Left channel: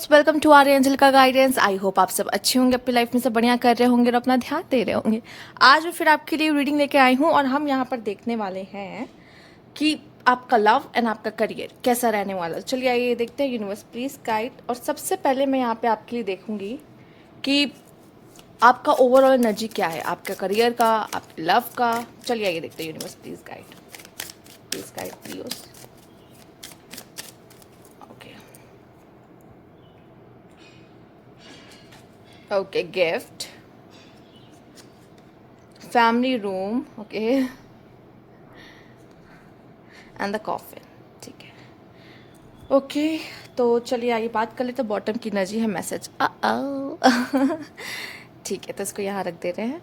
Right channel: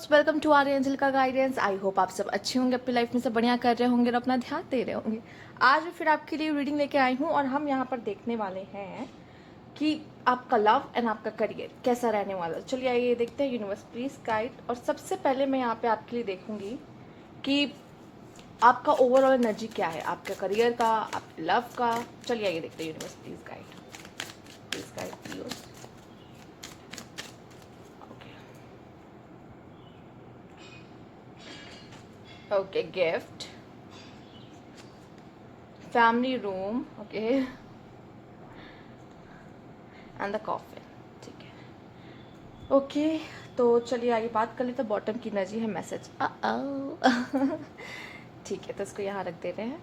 दोस्त, welcome to are angel का guidance. I hope आप सब अच्छे होंगे, अपनी लाइफ में सब बढ़िया कर रहे होंगे और अपना ध्यान दे रहे होंगे। आज मैं फिर आपके लिए रीडिंग लेके आई हूँ और हम यहाँ पर देखने वाले हैं कि आपका लव एंड आपका करियर कैसा रहने वाला है। चलिए आइए देखते हैं। Universe please guide. और सबसे पहले मैं यहाँ पे आपके लिए देखूंगी कि आपका ओवरऑल एनर्जी क्या है, आपका करियर का, आपके लव का। चलिए आइए देखते हैं। Universe please guide, please guide please. Okay, gift, family room, okay, and the coffin. ठीक है, ओके। तो चलिए आइए बात कर लेते हैं। बॉटम की एनर्जी है मैसेज। ठीक है, तो इसको यहाँ रख दे रहे हैं।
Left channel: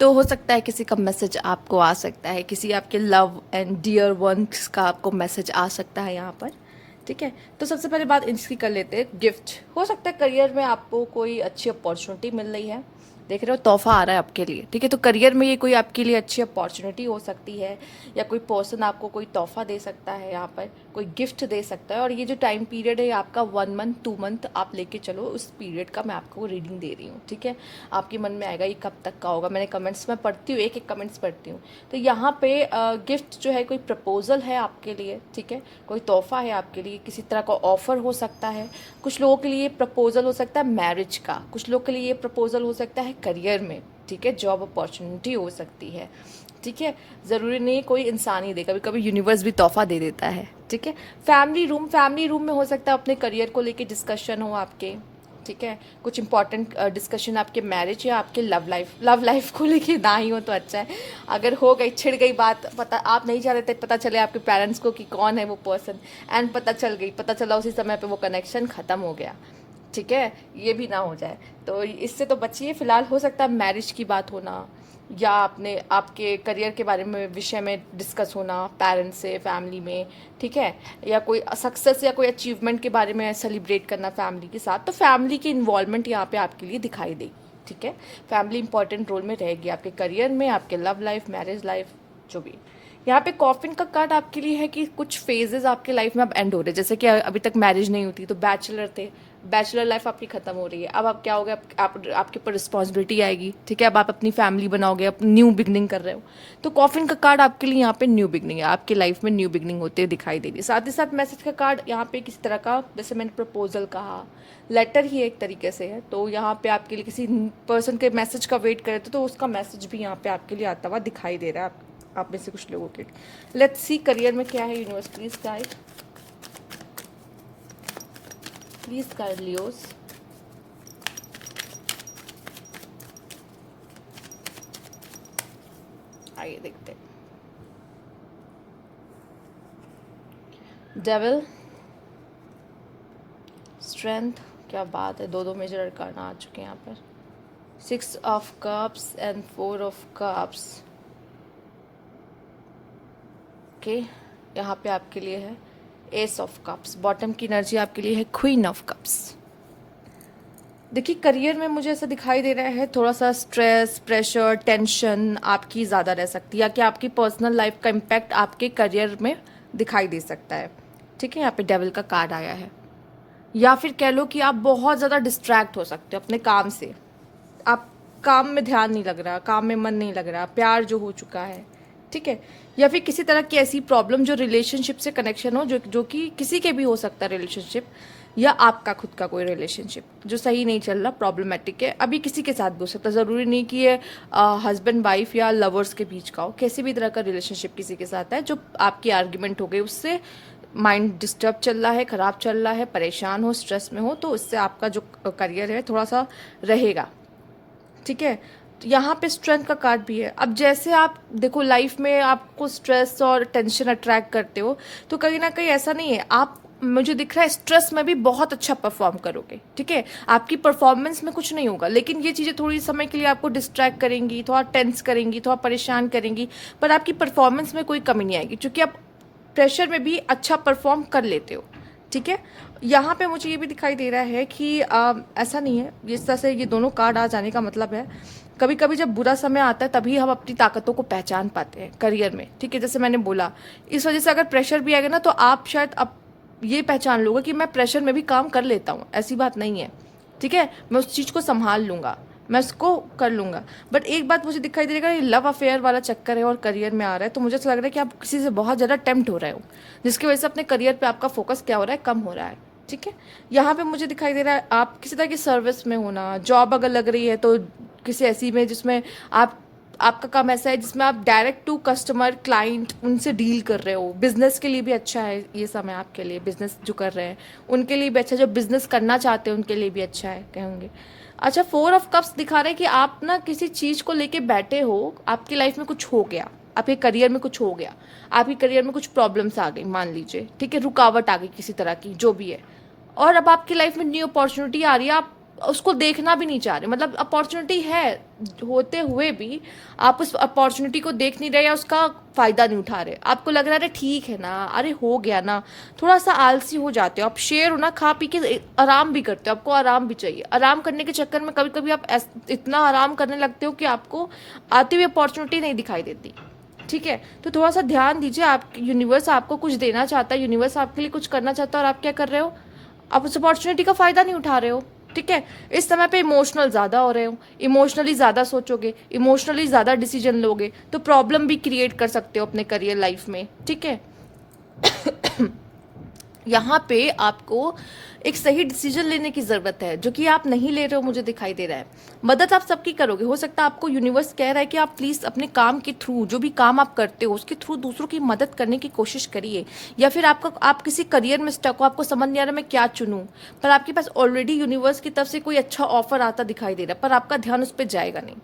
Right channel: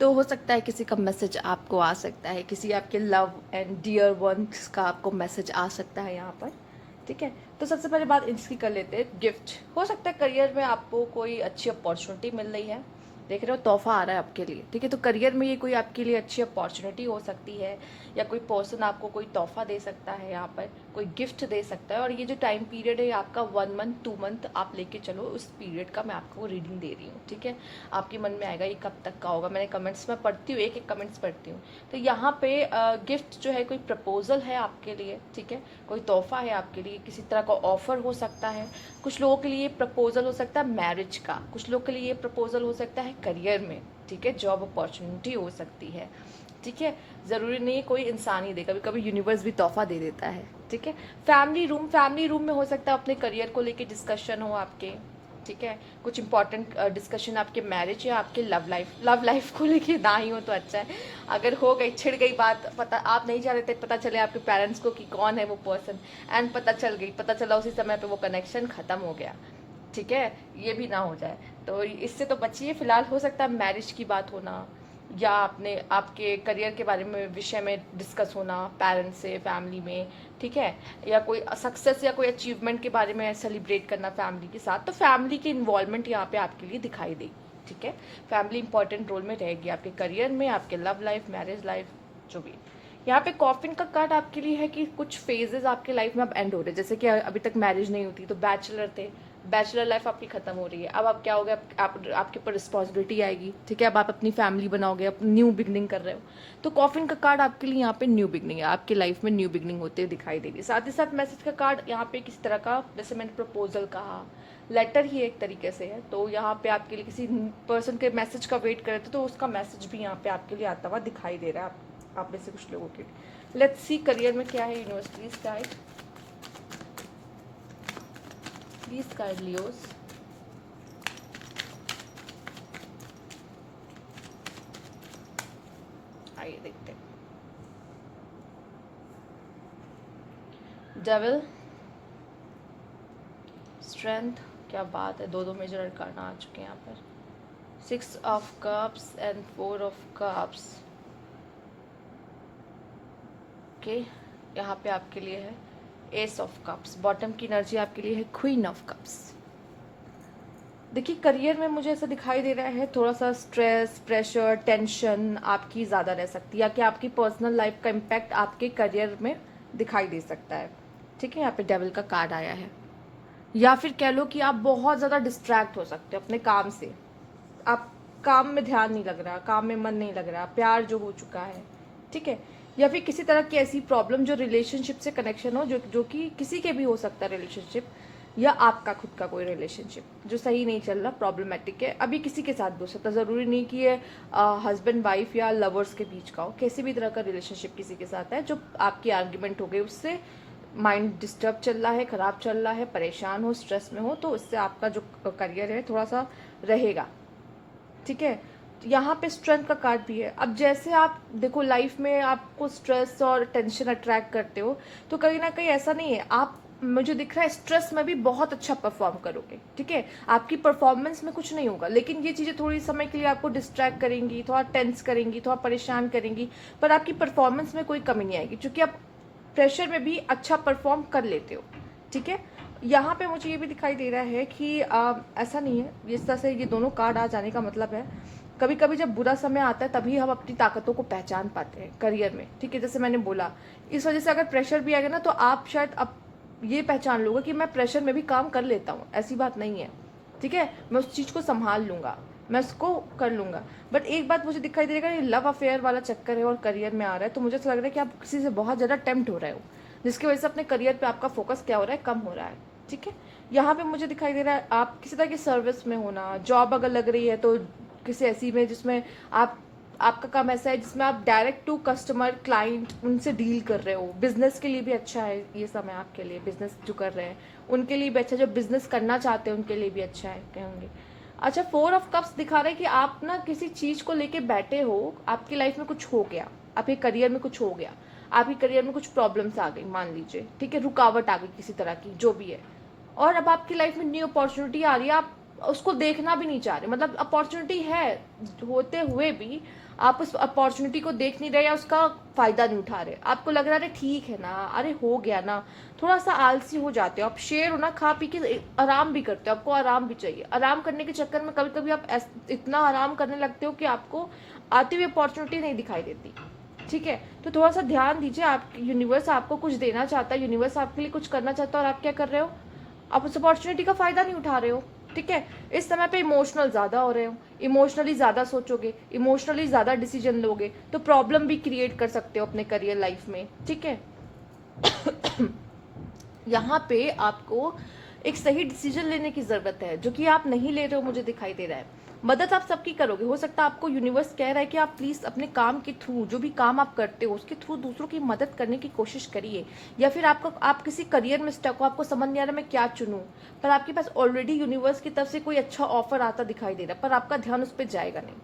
तो हो सकता है किसी का मैसेज आपको आ सकता है, किसी आपके लव एंड डियर वंस का आपको मैसेज आ सकता है यहाँ पर। ठीक है, तो सबसे पहले बात इसकी कर लेते हैं। गिफ्ट हो सकता है करियर में आपको कोई अच्छी अपॉर्चुनिटी मिल रही है। देख रहे हो, तोहफा आ रहा है आपके लिए। ठीक है, तो करियर में ये कोई आपके लिए अच्छी अपॉर्चुनिटी हो सकती है, या कोई पर्सन आपको कोई तोहफा दे सकता है, यहाँ पर कोई गिफ्ट दे सकता है। और ये जो टाइम पीरियड है आपका 1 मंथ 2 मंथ आप लेके चलो, उस पीरियड का मैं आपको रीडिंग दे रही हूँ। ठीक है, आपके मन में आएगा ये कब तक का होगा। मैंने कमेंट्स में पढ़ती हूँ, एक एक कमेंट्स पढ़ती हूँ। तो यहाँ पे गिफ्ट जो है कोई प्रपोजल है आपके लिए। ठीक है, कोई तोहफा है आपके लिए, किसी तरह का ऑफर हो सकता है। कुछ लोगों के लिए प्रपोजल हो सकता है मैरिज का, कुछ लोग के लिए ये प्रपोजल हो सकता है करियर में। ठीक है, जॉब अपॉर्चुनिटी हो सकती है। ठीक है, ज़रूरी नहीं कोई इंसान ही दे, कभी कभी यूनिवर्स भी तोहफा दे देता है। ठीक है, फैमिली रूम में हो सकता है अपने करियर को लेके डिस्कशन हो आपके। ठीक है, कुछ इंपॉर्टेंट डिस्कशन आपके मैरिज या आपके लव लाइफ को लेके ना ही हो तो अच्छा है। अगर हो गई, छिड़ गई बात, पता आप नहीं चाह रहे थे, पता चले आपके पेरेंट्स को कि कौन है वो पर्सन, एंड पता चला उसी समय पे वो कनेक्शन ख़त्म हो गया। ठीक है, ये भी ना हो जाए, तो इससे तो बचिए। फिलहाल हो सकता है मैरिज की बात होना, या आपके करियर के बारे में विषय में डिस्कस होना पेरेंट्स से, फैमिली में। ठीक है, या कोई सक्सेस या कोई अचीवमेंट के बारे में सेलिब्रेट करना फैमिली के साथ। तो फैमिली की इन्वॉल्वमेंट यहाँ पे आपके लिए दिखाई देगी। ठीक है, फैमिली इंपॉर्टेंट रोल में रहेगी आपके करियर में, आपके लव लाइफ, मैरिज लाइफ, जो भी। यहाँ पे कॉफिन का कार्ड आपके लिए है कि कुछ फेजेस आपके लाइफ में अब एंड हो रहे हैं। जैसे कि अभी तक मैरिज नहीं होती, तो बैचलर थे, बैचलर लाइफ आपकी खत्म हो रही है। अब आप क्या हो गया, आपके ऊपर रिस्पॉन्सिबिलिटी आएगी। ठीक है, अब आप अपनी फैमिली बनाओगे, अपनी न्यू बिगनिंग कर रहे हो। तो कॉफिन का कार्ड आपके लिए यहाँ पे न्यू बिगनिंग है, आपकी लाइफ में न्यू बिगनिंग होते दिखाई दे रही है। साथ ही साथ मैसेज का कार्ड यहाँ पे किसी तरह का, जैसे मैंने प्रपोजल कहा, लेटर ही एक तरीके से है। तो यहाँ पे आपके लिए किसी पर्सन के मैसेज का वेट करे थे, तो उसका मैसेज भी यहाँ पे आपके लिए आता हुआ दिखाई दे रहा है आप में से कुछ लोगों के। लेट्स सी करियर में क्या है। Universe please guide, please guide Leos. आइए देखते हैं। डेविल, स्ट्रेंथ, क्या बात है, दो मेजर अरकाना आ चुके हैं यहाँ पर। 6 of cups and 4 of cups. Okay, यहाँ पे आपके लिए है एस ऑफ कप्स। बॉटम की एनर्जी आपके लिए है क्वीन ऑफ कप्स। देखिए, करियर में मुझे ऐसा दिखाई दे रहा है थोड़ा सा स्ट्रेस, प्रेशर, टेंशन आपकी ज़्यादा रह सकती है, या कि आपकी पर्सनल लाइफ का इम्पैक्ट आपके करियर में दिखाई दे सकता है। ठीक है, यहाँ पे डेविल का कार्ड आया है। या फिर कह लो कि आप बहुत ज़्यादा डिस्ट्रैक्ट हो सकते हो अपने काम से। आप काम में ध्यान नहीं लग रहा, काम में मन नहीं लग रहा, प्यार जो हो चुका है। ठीक है, या फिर किसी तरह की ऐसी प्रॉब्लम जो रिलेशनशिप से कनेक्शन हो, जो कि किसी के भी हो सकता है रिलेशनशिप, या आपका खुद का कोई रिलेशनशिप जो सही नहीं चल रहा, प्रॉब्लमेटिक है। अभी किसी के साथ भी हो सकता है, ज़रूरी नहीं कि ये हस्बैंड वाइफ या लवर्स के बीच का हो। किसी भी तरह का रिलेशनशिप किसी के साथ है जो आपकी आर्ग्यूमेंट हो गई, उससे माइंड डिस्टर्ब चल रहा है, ख़राब चल रहा है, परेशान हो, स्ट्रेस में हो, तो इससे आपका जो करियर है थोड़ा सा रहेगा। ठीक है, तो यहाँ पे स्ट्रेंथ का कार्ड भी है। अब जैसे आप देखो, लाइफ में आपको स्ट्रेस और टेंशन अट्रैक्ट करते हो, तो कहीं ना कहीं ऐसा नहीं है, आप, मुझे दिख रहा है स्ट्रेस में भी बहुत अच्छा परफॉर्म करोगे। ठीक है, आपकी परफॉर्मेंस में कुछ नहीं होगा, लेकिन ये चीज़ें थोड़ी समय के लिए आपको डिस्ट्रैक्ट करेंगी, थोड़ा टेंस करेंगी, थोड़ा परेशान करेंगी, पर आपकी परफॉर्मेंस में कोई कमी नहीं आएगी, क्योंकि आप प्रेशर में भी अच्छा परफॉर्म कर लेते हो। ठीक है, यहाँ पे मुझे ये भी दिखाई दे रहा है कि ऐसा नहीं है, इस तरह से ये दोनों कार्ड आ जाने का मतलब है कभी कभी जब बुरा समय आता है तभी हम अपनी ताकतों को पहचान पाते हैं करियर में। ठीक है, जैसे मैंने बोला, इस वजह से अगर प्रेशर भी आएगा ना, तो आप शायद ये पहचान लूँगा कि मैं प्रेशर में भी काम कर लेता हूँ, ऐसी बात नहीं है, ठीक है। मैं उस चीज़ को संभाल लूँगा, मैं उसको कर लूँगा। बट एक बात मुझे दिखाई दे रहा है, ये लव अफेयर वाला चक्कर है और करियर में आ रहा है, तो मुझे ऐसा लग रहा है कि आप किसी से बहुत ज़्यादा टेम्प्ट हो रहे हो, जिसकी वजह से अपने करियर पे आपका फोकस क्या हो रहा है, कम हो रहा है, ठीक है। यहाँ पे मुझे दिखाई दे रहा है आप किसी तरह की सर्विस में होना, जॉब अगर लग रही है तो किसी ऐसी में जिसमें आप आपका काम ऐसा है जिसमें आप डायरेक्ट टू कस्टमर क्लाइंट उनसे डील कर रहे हो। बिजनेस के लिए भी अच्छा है ये समय आपके लिए, बिजनेस जो कर रहे हैं उनके लिए भी अच्छा है, जो बिजनेस करना चाहते हैं उनके लिए भी अच्छा है कहेंगे। अच्छा, 4 ऑफ कप्स दिखा रहे हैं कि आप ना किसी चीज़ को लेके बैठे हो, आपकी लाइफ में कुछ हो गया, आपके करियर में कुछ हो गया, आपके करियर में कुछ प्रॉब्लम्स आ गई मान लीजिए, ठीक है, रुकावट आ गई किसी तरह की जो भी है, और अब आपकी लाइफ में न्यू अपॉर्चुनिटी आ रही है, आप उसको देखना भी नहीं चाह रहे, मतलब अपॉर्चुनिटी है होते हुए भी आप उस अपॉर्चुनिटी को देख नहीं रहे या उसका फ़ायदा नहीं उठा रहे। आपको लग रहा है अरे ठीक है ना, अरे हो गया ना, थोड़ा सा आलसी हो जाते हो आप। शेर हो ना, खा पी के आराम भी करते हो, आपको आराम भी चाहिए। आराम करने के चक्कर में कभी कभी आप इतना आराम करने लगते हो कि आपको आती हुई अपॉर्चुनिटी नहीं दिखाई देती, ठीक है। तो थोड़ा सा ध्यान दीजिए, आप यूनिवर्स आपको कुछ देना चाहता है, यूनिवर्स आपके लिए कुछ करना चाहता है, और आप क्या कर रहे हो, आप उस अपॉर्चुनिटी का फ़ायदा नहीं उठा रहे हो, ठीक है। इस समय पे इमोशनल ज़्यादा हो रहे हो, इमोशनली ज़्यादा सोचोगे, इमोशनली ज़्यादा डिसीजन लोगे तो प्रॉब्लम भी क्रिएट कर सकते हो अपने करियर लाइफ में, ठीक है। यहाँ पे आपको एक सही डिसीजन लेने की ज़रूरत है, जो कि आप नहीं ले रहे हो, मुझे दिखाई दे रहा है। मदद आप सबकी करोगे, हो सकता है आपको यूनिवर्स कह रहा है कि आप प्लीज़ अपने काम के थ्रू, जो भी काम आप करते हो उसके थ्रू दूसरों की मदद करने की कोशिश करिए। या फिर आप किसी करियर में स्टक हो, आपको समझ नहीं आ रहा मैं क्या चुनूँ, पर आपके पास ऑलरेडी यूनिवर्स की तरफ से कोई अच्छा ऑफर आता दिखाई दे रहा है, पर आपका ध्यान उस पर जाएगा नहीं,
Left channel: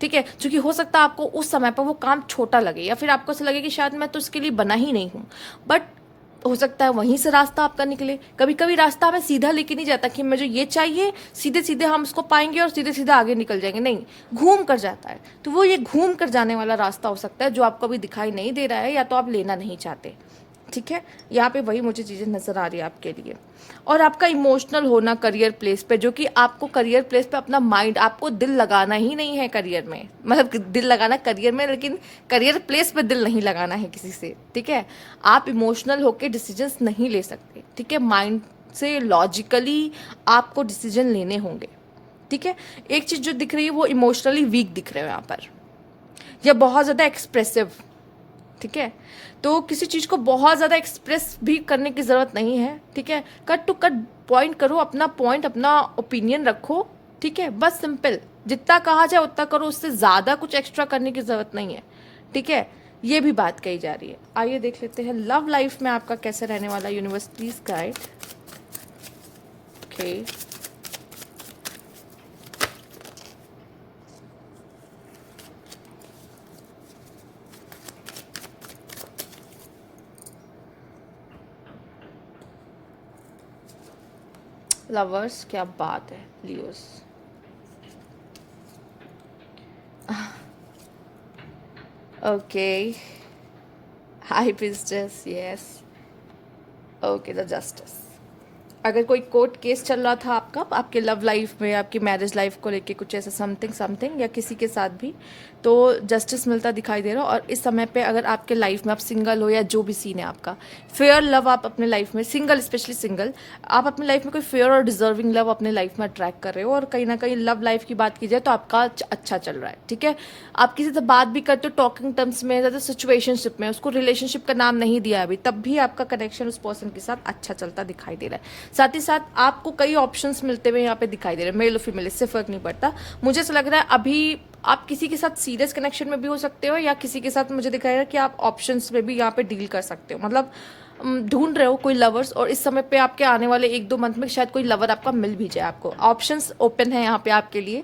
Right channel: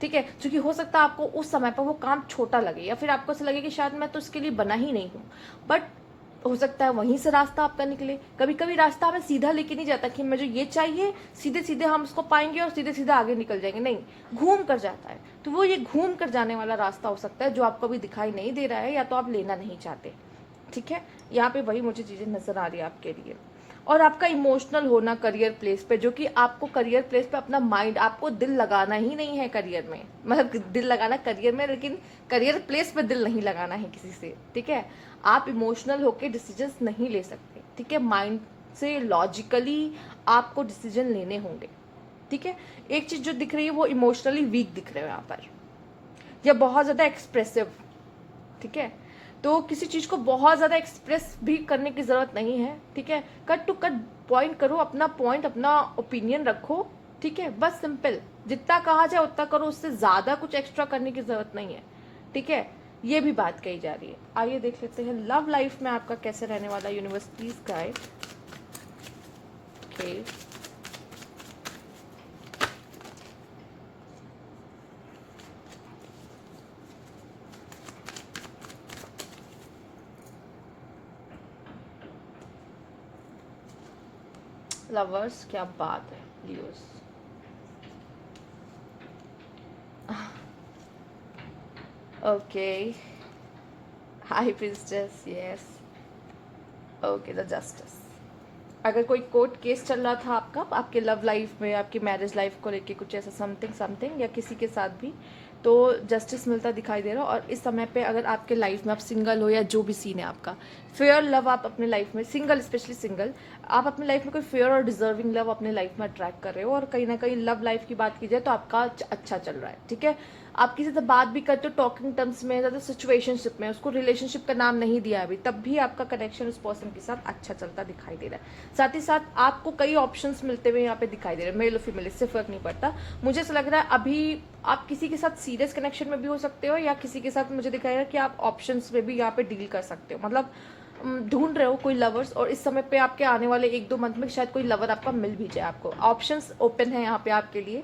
ठीक है। क्योंकि हो सकता है आपको उस समय पर वो काम छोटा लगे, या फिर आपको ऐसा लगे कि शायद मैं तो इसके लिए बना ही नहीं हूँ, बट हो सकता है वहीं से रास्ता आपका निकले। कभी कभी रास्ता हमें सीधा लेके नहीं जाता कि मुझे ये चाहिए, सीधे सीधे हम उसको पाएंगे और सीधे सीधे आगे निकल जाएंगे, नहीं, घूम कर जाता है। तो वो ये घूम कर जाने वाला रास्ता हो सकता है जो आपको अभी दिखाई नहीं दे रहा है, या तो आप लेना नहीं चाहते, ठीक है। यहाँ पे वही मुझे चीज़ें नज़र आ रही है आपके लिए। और आपका इमोशनल होना करियर प्लेस पे, जो कि आपको करियर प्लेस पे अपना माइंड, आपको दिल लगाना ही नहीं है करियर में, मतलब दिल लगाना करियर में, लेकिन करियर प्लेस पे दिल नहीं लगाना है किसी से, ठीक है। आप इमोशनल होकर डिसीजंस नहीं ले सकते, ठीक है। माइंड से लॉजिकली आपको डिसीजन लेने होंगे, ठीक है। एक चीज़ जो दिख रही है वो इमोशनली वीक दिख रहे हो यहाँ पर, या बहुत ज़्यादा एक्सप्रेसिव, ठीक है। तो किसी चीज़ को बहुत ज़्यादा एक्सप्रेस भी करने की ज़रूरत नहीं है, ठीक है। कट टू कट पॉइंट करो, अपना पॉइंट, अपना ओपिनियन रखो, ठीक है। बस सिंपल, जितना कहा जाए उतना करो, उससे ज़्यादा कुछ एक्स्ट्रा करने की ज़रूरत नहीं है, ठीक है। ये भी बात कही जा रही है। आइए देख लेते हैं लव लाइफ में आपका कैसे रहने वाला, universe please guide. Okay, lovers, क्या बात है, Leos. Okay, high princess, yes. Okay, the justice. अगर कोई कोर्ट केस चल रहा था आपका, आपके लव लाइफ में, आपकी मैरिज लाइफ को लेके कुछ ऐसा समथिंग समथिंग, या किसी के साथ भी, तो जस्टिस मिलता दिखाई दे रहा हो। और इस समय पे अगर आपके लाइफ में आप सिंगल हो, या जो भी सीन है आपका, फेयर लव आप अपने लाइफ में, सिंगल, स्पेशली सिंगल, आप अपने लाइफ में कोई फेयर और डिजर्विंग लव अपने लाइफ में अट्रैक्ट कर रहे हो। और कहीं ना कहीं लव लाइफ की बात की जाए तो आपका अच्छा चल रहा है, ठीक है। आप किसी से बात भी करते हो टॉकिंग टर्म्स में, ज़्यादा सिचुएशनशिप में, उसको रिलेशनशिप का नाम नहीं दिया अभी, तब भी आपका कनेक्शन उस पर्सन के साथ अच्छा चलता दिखाई दे रहा है। साथ ही साथ आपको कई ऑप्शंस मिलते हुए यहाँ पे दिखाई दे रहे हैं, मेल और फीमेल, इससे फर्क नहीं पड़ता। मुझे ऐसा लग रहा है अभी आप किसी के साथ सीरियस कनेक्शन में भी हो सकते हो, या किसी के साथ मुझे दिखाएगा कि आप ऑप्शंस में भी यहाँ पे डील कर सकते हो, मतलब ढूंढ रहे हो कोई लवर्स, और इस समय पे आपके आने वाले 1-2 मंथ में शायद कोई लवर आपका मिल भी जाए आपको। ऑप्शंस ओपन है यहाँ पे आपके लिए,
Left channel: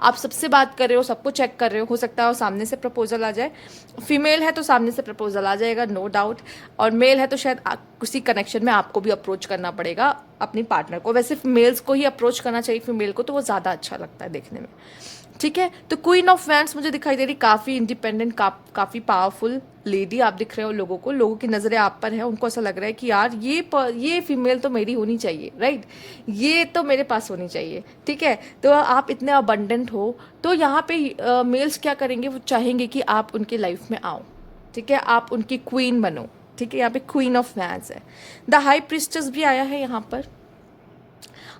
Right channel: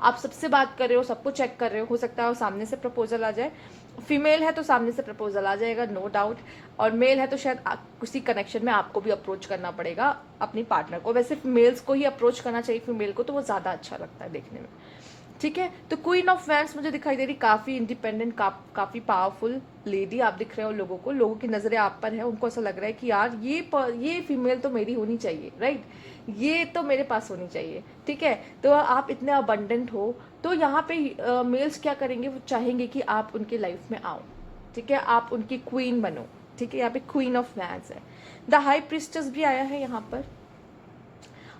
आप सबसे बात कर रहे हो, सबको चेक कर रहे हो सकता है और सामने से प्रपोजल आ जाए। फीमेल है तो सामने से प्रपोजल आ जाएगा, नो डाउट। और मेल है तो शायद किसी कनेक्शन में आपको भी अप्रोच करना पड़ेगा अपनी पार्टनर को। वैसे मेल्स को ही अप्रोच करना चाहिए, फीमेल को तो वो ज़्यादा अच्छा लगता है देखने में, ठीक है। तो क्वीन ऑफ वैंड्स मुझे दिखाई दे रही, काफ़ी इंडिपेंडेंट, काफ़ी पावरफुल लेडी आप दिख रहे हो लोगों को, लोगों की नज़रें आप पर है, उनको ऐसा लग रहा है कि यार ये फीमेल तो मेरी होनी चाहिए, राइट, ये तो मेरे पास होनी चाहिए, ठीक है। तो आप इतने अबंडेंट हो, तो यहाँ पे मेल्स क्या करेंगे, वो चाहेंगे कि आप उनके लाइफ में आओ, ठीक है, आप उनकी क्वीन बनो, ठीक है, यहाँ पे क्वीन ऑफ वैंड्स है। द हाई प्रिस्टेस भी आया है यहाँ पर।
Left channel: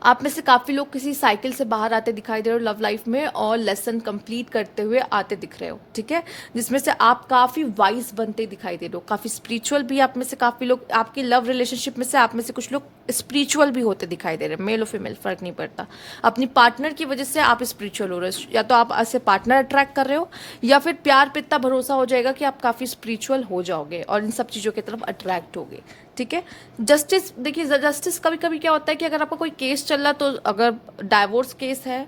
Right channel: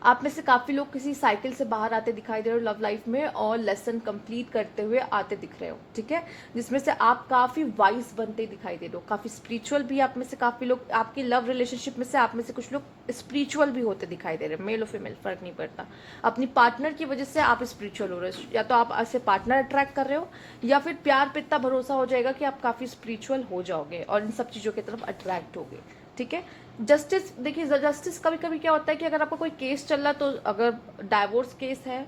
आप में से काफ़ी लोग किसी साइकिल से बाहर आते दिखाई दे रहे हो लव लाइफ में, और लेसन कंप्लीट करते हुए आते दिख रहे हो, ठीक है, जिसमें से आप काफ़ी वाइज बनते दिखाई दे रहे हो, काफ़ी स्पिरिचुअल भी। आप में से काफ़ी लोग आपकी लव रिलेशनशिप में से आप में से कुछ लोग स्पिरिचुअल भी होते दिखाई दे रहे हैं, मेल और फीमेल फ़र्क नहीं पड़ता। अपनी पार्टनर की वजह से आप स्पिरिचुअल हो रहे हो, या तो आप ऐसे पार्टनर अट्रैक्ट कर रहे हो, या फिर प्यार पे इतना भरोसा हो जाएगा कि आप काफ़ी स्पिरिचुअल हो जाओगे और इन सब चीज़ों की तरफ अट्रैक्ट होगे, ठीक है। जस्टिस, देखिए जस्टिस कभी कभी क्या होता है कि अगर आपका कोई केस चल रहा, तो अगर डाइवोर्स केस है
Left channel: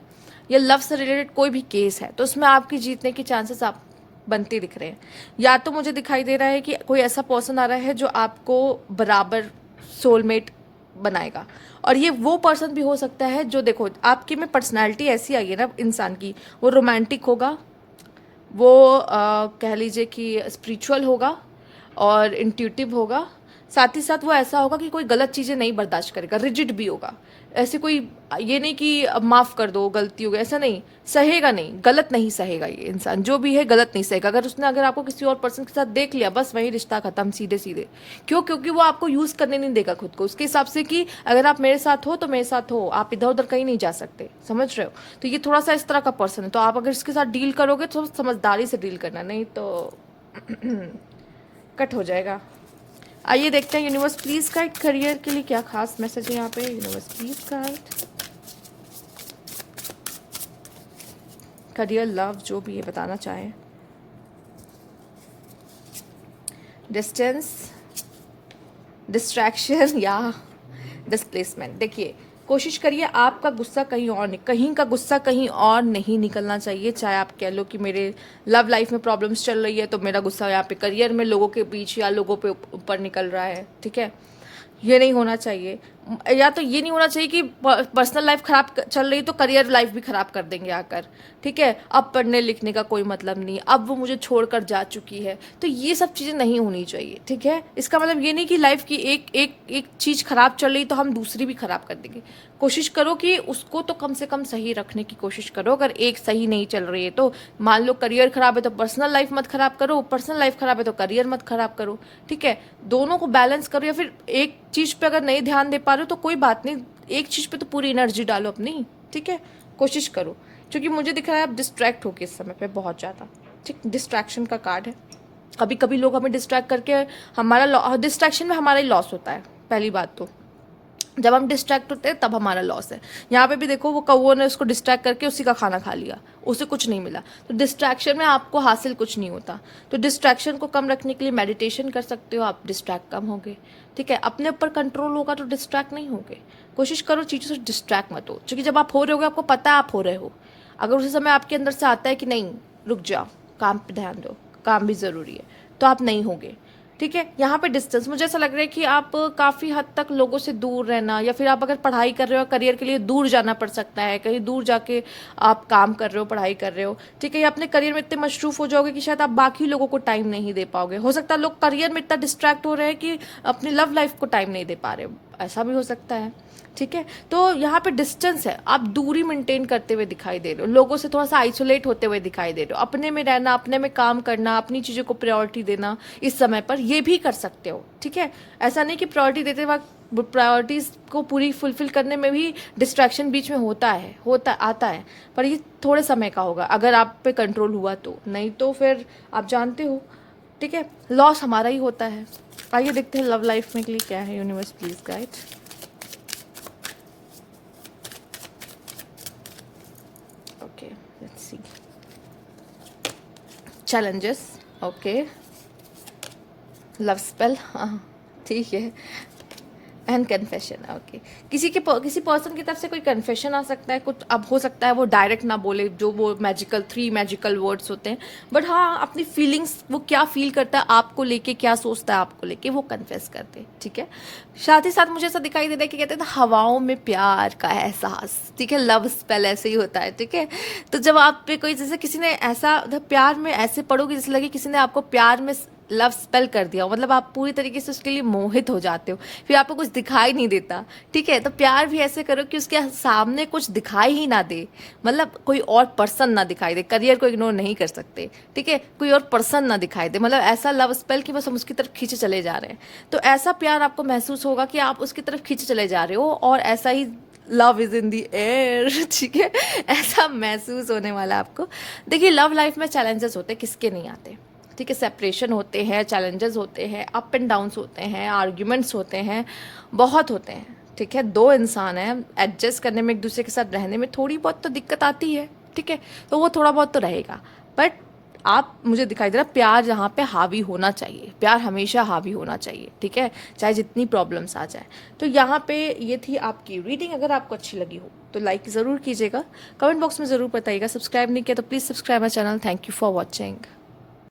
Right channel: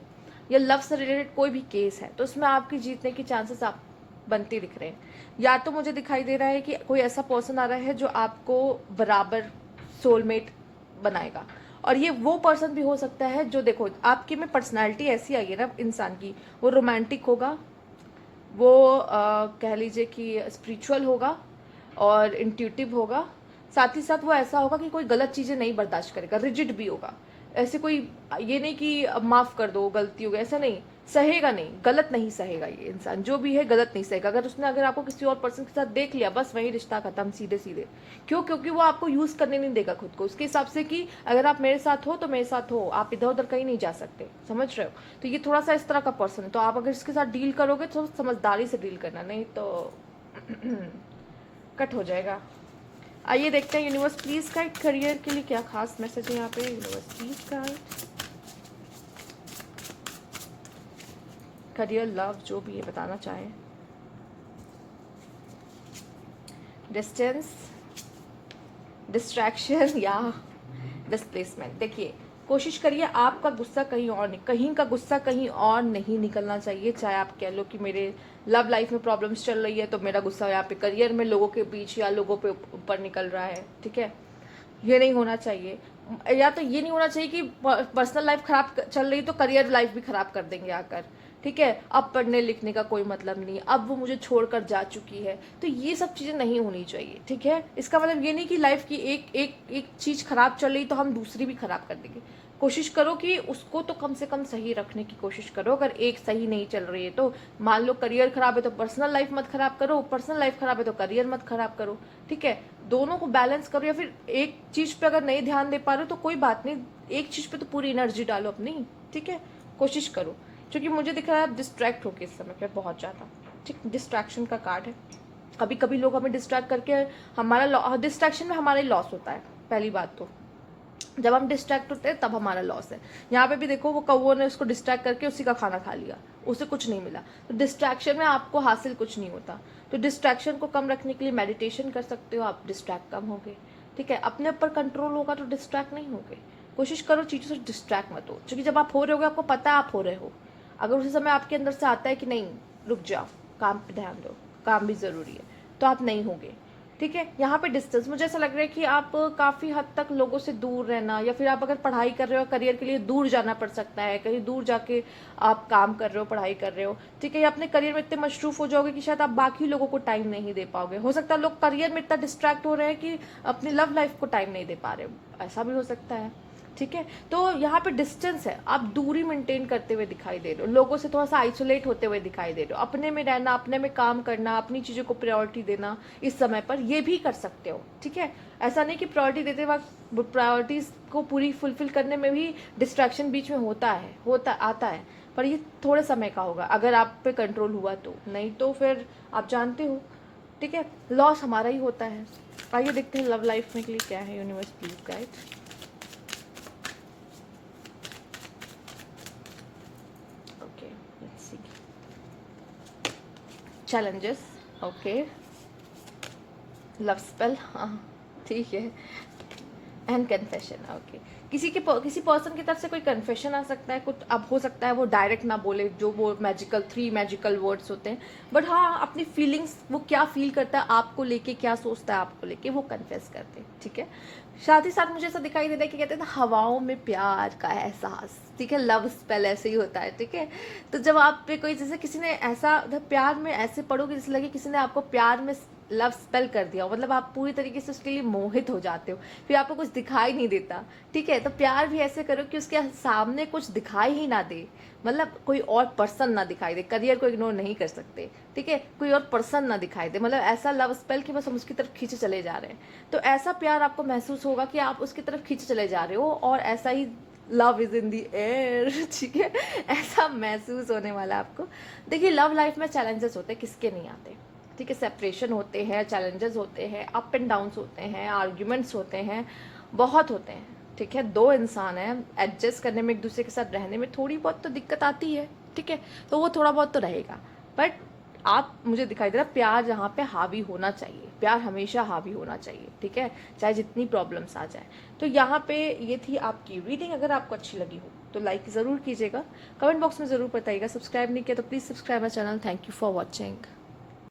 या लव से रिलेटेड कोई भी केस है, तो उसमें आपकी जीतने की चांसेस आप बनते दिख रहे हैं। या तो मुझे दिखाई दे रहा है कि कोई ऐसा पर्सन आ रहा है जो आपको बराबर सोलमेट बनाएगा, और ये वो पर्सन भी हो सकता है जो, देखो आपकी में पर्सनैलिटी ऐसी आई है ना इंसान की, वो रोमांटिक होगा, वो कह लीजिए कि स्पिरिचुअल होगा और इंट्यूटिव होगा, साथ ही साथ वो ऐसा होगा कि कोई गलत चीज़ें नहीं बर्दाश्त करेगा, रिजिड भी होगा। ऐसे कोई ये नहीं कि अब माफ़ कर दो गलती हो गई, ऐसा नहीं, सहेगा नहीं, गलत नहीं सहेगा ये इंसान, जो भी है गलत नहीं सहेगा। अगर आपको किसी और पर्सन के साथ देख लिया, बस वही रिश्ता खत्म, सीधे सीधे। क्यों? क्योंकि वो आपको यूज़ करने नहीं देगा खुद को, उसके हिसाब से कि अगर आप मेरे साथ हो तो मेरे साथ हो, आप इधर उधर कहीं नहीं जा सकते, समझ रहे हो। तो ये थोड़ा सा इस तरह का पर्सन है, तो आप अगर इसके साथ डील करोगे तो समझदारी से डील करना, नहीं तो कट हो जाएगा। आइए देखते हैं यूनिवर्स प्लीज गाइड करियर के लिए क्या खास मैसेज है यहाँ पे। Universe please guide career, love, जो भी ये बताना चाहें। डिस्टेंस, डिस्ट्रैक्शन या डिस्प्लेसमेंट। देखिए कोशिश करिए आपका गुस्सा कहीं और नहीं, कहीं का गुस्सा कहीं और नहीं निकलना चाहिए। चाहे आप कह लो कि मेरे लव लाइफ में प्रॉब्लम्स चल रही है, तो मेरा गुस्सा यहाँ पे करियर में लोगों के बीच या लोगों पे ऊपर निकल रहा है, ठीक है, ये नहीं होना चाहिए। या तो ये नहीं होना चाहिए कि पर्सनल लाइफ खराब चल रही तो करियर लाइफ भी खराब कर देंगे आकर, ठीक है, अब पढ़ने लिखने का कोई मतलब नहीं, अब वो मुझे छोड़कर जा चुकी है, तो ये सब चीज़ें नहीं होनी चाहिए, ठीक है। इसका मतलब ये नहीं कि लाइफ की एक चीज़ खराब चल रही तो हम दूसरी भी खराब कर देंगे। कोशिश करो कि उसको तो कम से कम सही रखने की कोशिश करो। अगर एक सही नहीं चल रही है तो मान लो करियर खराब है तो पर्सनल लाइफ मत खराब करो, पर्सनल लाइफ खराब है तो करियर मत खराब करो, ठीक है। दोनों को बैलेंस करो, या फिर एक चीज़ पे अगर नहीं ध्यान दे पा रहे हो तो कोई बात नहीं, एक चीज़ पे तो पूरी एनर्जी डालो अपनी, ठीक है, कोशिश करो। क्योंकि मुझे दिख रहा है आप डिस्ट्रैक्ट हो के इस समय पे बहुत ज़्यादा, ठीक, डिस्ट्रैक्शन का कार्ड है। कभी कभी लोग हमें डिस्ट्रैक्ट करके हमारा डिस्ट्रैक्शन में हमारा ही लॉस होता है। पहली बात तो जब हम डिस्ट्रैक्ट होते हैं तब हमारा लॉस है। यहाँ पे भी देखो वो कौवे ने उसको डिस्ट्रैक्ट करके उसी का खाना खा लिया, उसे कुछ नहीं मिला। तो डिस्ट्रैक्शन में आपको हासिल कुछ नहीं होता। तो डिस्ट्रैक्शन को कम रखने के लिए मेडिटेशन कर सकते हो आप, डिस्ट्रैक्ट कम होगे, ठीक है। अपने ऊपर कंट्रोल होगा तो डिस्ट्रैक्ट नहीं होगे। कोशिश करो चीज़ों से डिस्ट्रैक्ट मत हो, क्योंकि जब आप हो रहे होगे आपको पता है आप हो रहे हो। अगर उसी समय आपके अंदर से आता है कि नहीं रुक जाओ, काम पे ध्यान दो, काम भी ज़रूरी है, तो आप नहीं होगे, ठीक है। यहाँ पे डिस्टेंस, मुझे ऐसा लग रहा है कि आप काफ़ी हद तक लोगों से दूर रहना, या फिर आप अगर पढ़ाई कर रहे हो करियर के लिए दूर जाना पड़ सकता है, कहीं दूर जाके आप काम कर रहे हो, पढ़ाई कर रहे हो, ठीक है। या अपने करियर में इतने मशरूफ हो जाओगे कि शायद आप बाकी लोगों को टाइम नहीं दे पाओगे। हो सकता है लोग करियर में इतना डिस्ट्रैक्ट हो रहे हैं कि अपनी लव लाइफ को टाइम नहीं दे पा रहे, ऐसा भी हो सकता है, ठीक है। तो यहाँ पे डिस्टेंस है, आप दूरी मेंटेन करते हुए दिखाई दे रहे हो, लोगों से थोड़ा सा आइसोलेट होते हुए दिखाई दे रहे हो, अपने में रहना, अपने में काम करना, अपनी चीज़ों को प्रायोरिटी देना इस समय पर, ये भी कर सकते हो, ठीक है। ऐसा नहीं कि प्रायोरिटी देते वक्त प्रायोरिटीज़ को पूरी फुलफिल करने में भी डिस्ट्रैक्शन बीच में आता है, पर ये थोड़े समय का होगा अगर आप पे कंट्रोल हुआ तो, नहीं तो फिर आप जानते हो, ठीक है, लॉस हमारा ही होता है। आइए देखते हैं लव लाइफ में के लिए क्या है। Universe please guide. Challenges, okay, love spell, हाँ ठीक है, एंड कन्फेशन, ओके। किसी पर्सन की तरफ से कोई कन्फेशन आ सकता है कुछ, अब हो सकता है वो डायरेक्ट ना बोले, जो वो थ्री मैजिकल वर्ड्स होते हैं, बट हाँ अपनी फीलिंग्स, वो क्या फील करता है आपको लेके, क्या सोचता है आपको लेके, वो कन्फेस करते हैं, ठीक है। साथ ही साथ मुझे ऐसा दिखाई दे रहा है कि कहते हैं हवाओं में प्यार का एहसास, ठीक है, लव स्पेल ऐसे ही होता है, ठीक है। तो जब आप पे कोई, जैसे किसी ने ऐसा प्यार में ऐसे पढ़ोगे जैसे लगे किसी ने आपको प्यार में लव स्पेल कर दिया हो, मतलब आप पूरी तरीके से उसके लिए मोहित हो जाते हो, फिर आपको कुछ दिखाई नहीं देता, ठीक है। तो प्यार भी ऐसे करो कि उसके सामने कुछ दिखाई ही ना दे, मतलब कोई और पर्सन ना दिखाई दे, करियर को इग्नोर नहीं कर सकते, ठीक है, कोई और पर्सन ना दिखाई दे, मतलब ऐसा लव स्पेल कि बस हम उसकी तरफ खींचे चले जा रहे हैं। तो ऐसा प्यार आपको महसूस होगा कि आप उसकी तरफ खींचे चले जा रहे हो, और ऐसा ही love is in the air, ठीक है, ऐसा महसूस होने वाला आपको। देखिए, लव लाइफ में चैलेंजेस होते हैं, किसके नहीं आते, ठीक है, सेपरेशन होते हैं, चैलेंजेस होते हैं, अप एंड डाउन्स होते हैं, आर्ग्यूमेंट्स होते हैं, बहुत होते हैं, ठीक है। दो इंसान हैं, एडजस्ट करने में, एक दूसरे के साथ रहने में थोड़ी बहुत तो दिक्कत आती है, ठीक है, तो वो थोड़ा बहुत तो रहेगा, बट आप, मुझे दिखाई दे रहा है प्यार यहाँ पे हावी होना चाहिए, प्यार हमेशा हावी होना चाहिए, ठीक है, चाहे जितनी प्रॉब्लम्स आ जाए। तो यहाँ पे ये थी आपकी रीडिंग। अगर आपको अच्छी लगी हो तो लाइक ज़रूर कीजिएगा, कमेंट बॉक्स में ज़रूर बताइएगा, सब्सक्राइब नहीं किया तो please subscribe my channel. Thank you for watching.